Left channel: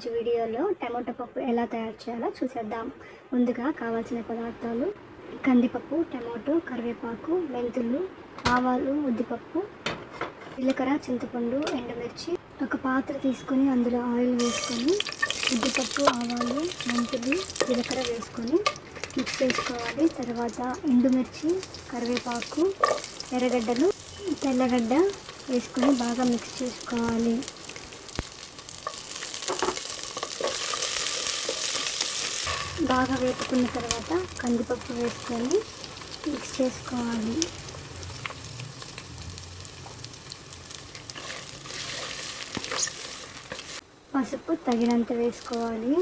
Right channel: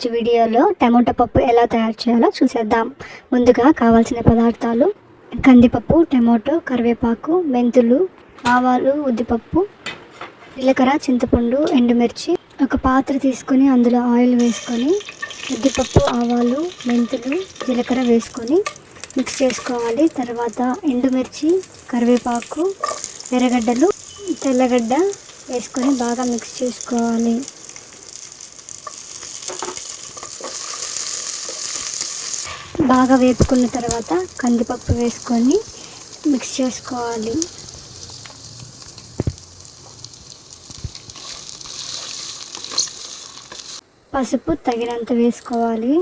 ఈరోజు వీడియోలో టమోటా పప్పు ఎలా తయారు చేయాలో చూసేద్దాం. ముందుగా కావాల్సిన పదార్థాలు: కందిపప్పు, టమోటో, కరివేపాకు, మెంతులు, ఆవాలు, ఉద్దిపప్పు, జీలకర్ర, చింతపండు, ఎండుమిర్చి. ఒక పాత్ర తీసుకొని అందులో ఆయిల్ వేసుకొని ఉద్దిపప్పు, ఆవాలు, మెంతులు, జీలకర్ర వేసుకొని మిక్స్ చేసుకోవాలి. తర్వాత ఎండుమిర్చి, కరివేపాకు, ఎర్రగడ్డలు, తెల్లగడ్డ వేసుకొని బాగా మిక్స్ చేసుకోవాలి. బాగా వేపుకున్న తర్వాత కందిపప్పు వేసుకొని మిక్స్ చేసుకోవాలి. పసుపు తగినంత వేసుకోవాలి.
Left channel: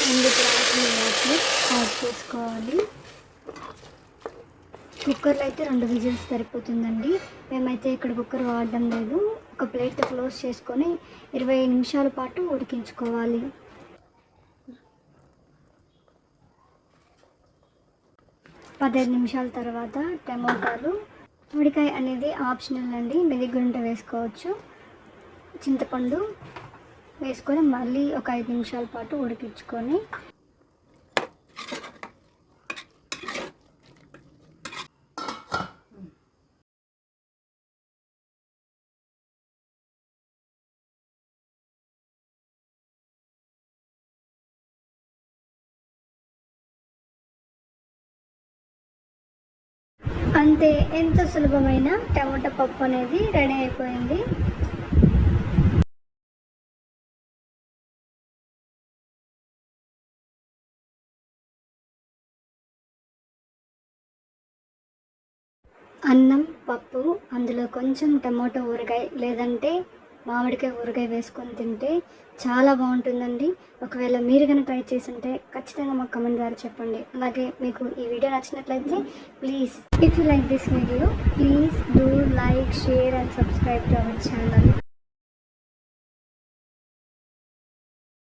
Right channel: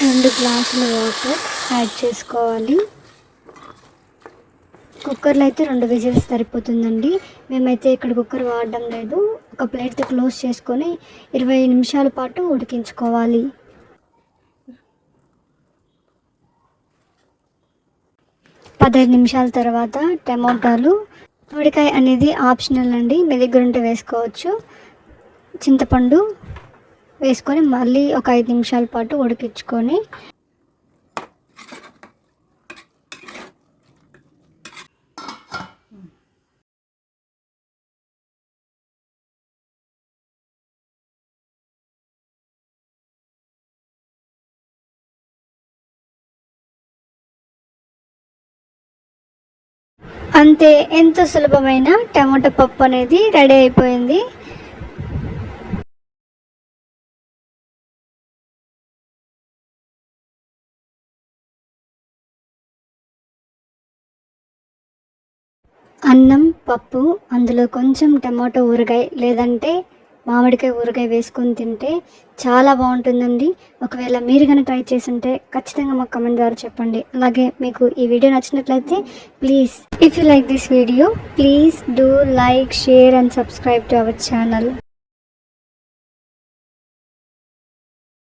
2 గ్లాసులు వాటర్ యాడ్ చేసుకోవాలి. కుక్కర్లో అయితే 2 విజిల్స్ సరిపోతుందండి. మేమైతే ఇక్కడ కుక్కర్ వాడడం లేదు. ఒక ప్లేట్తో క్లోజ్ చేసుకొని 20 నిమిషాల పాటు ఉడికించుకోవాలి. 15 నిమిషాల తర్వాత టమోటాలు, ఉడికాయ అనేది ఆప్షనల్ అండి, మీ దగ్గర ఉంటే వేసుకోవచ్చు. చింతపండు వేసుకొని మళ్ళీ ఒక 5 నిమిషాల పాటు ఉడికించుకొని అంతే, ఎంతో సులభమైన టమాటా పప్పు అనేది రెడీ అయిపోయింది. అన్నం, పప్పు, అందులో కొంచెం టమాటో ఊరగాయ లేదంటే మామిడికాయ ఊరగాయ వేసుకొని తింటే చాలా బాగుంటుందండి. ఒకవేళ మీరు కనుక ట్రై చేస్తుంటే ఖచ్చితంగా మాకు కమెంట్ ద్వారా చెప్పండి. అలాగే మీకు ఈ వీడియో నచ్చినట్లయితే please, if you like this video, please do like, share and subscribe to our channel.